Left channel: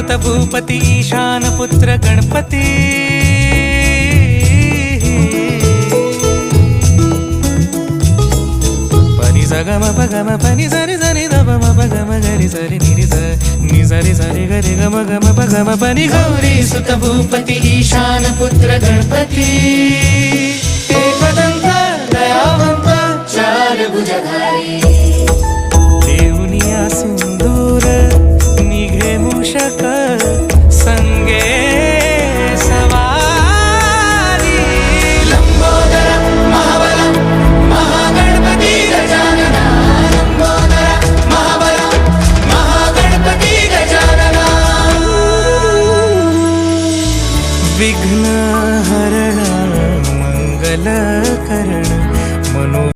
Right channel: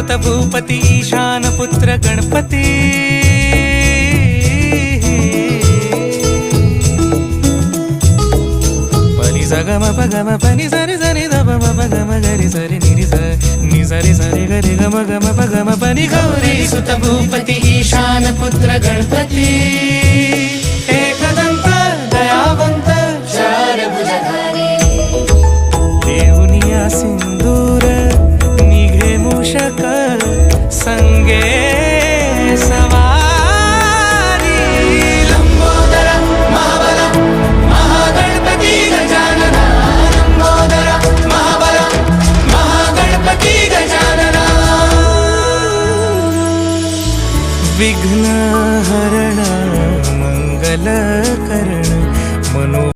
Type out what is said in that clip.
सुत भूपती ईशान पुत्र गणपती पनी सगम पगम पनी सरि सरि द म पगम गरि सरि नि सरि सरि गरि गम गम पगम पनी गौरी सुत भूपती ईशान पुत्र गणपती एकदंत दयावंत चार भुजधारी देऊनिया सिंदूर निघे मूषक संगे सवारी लंबोदर महाबल महागणपती गजानना लंबोदर महाबल महागणपती गजानना विघ्न हरण मंगल करण मनो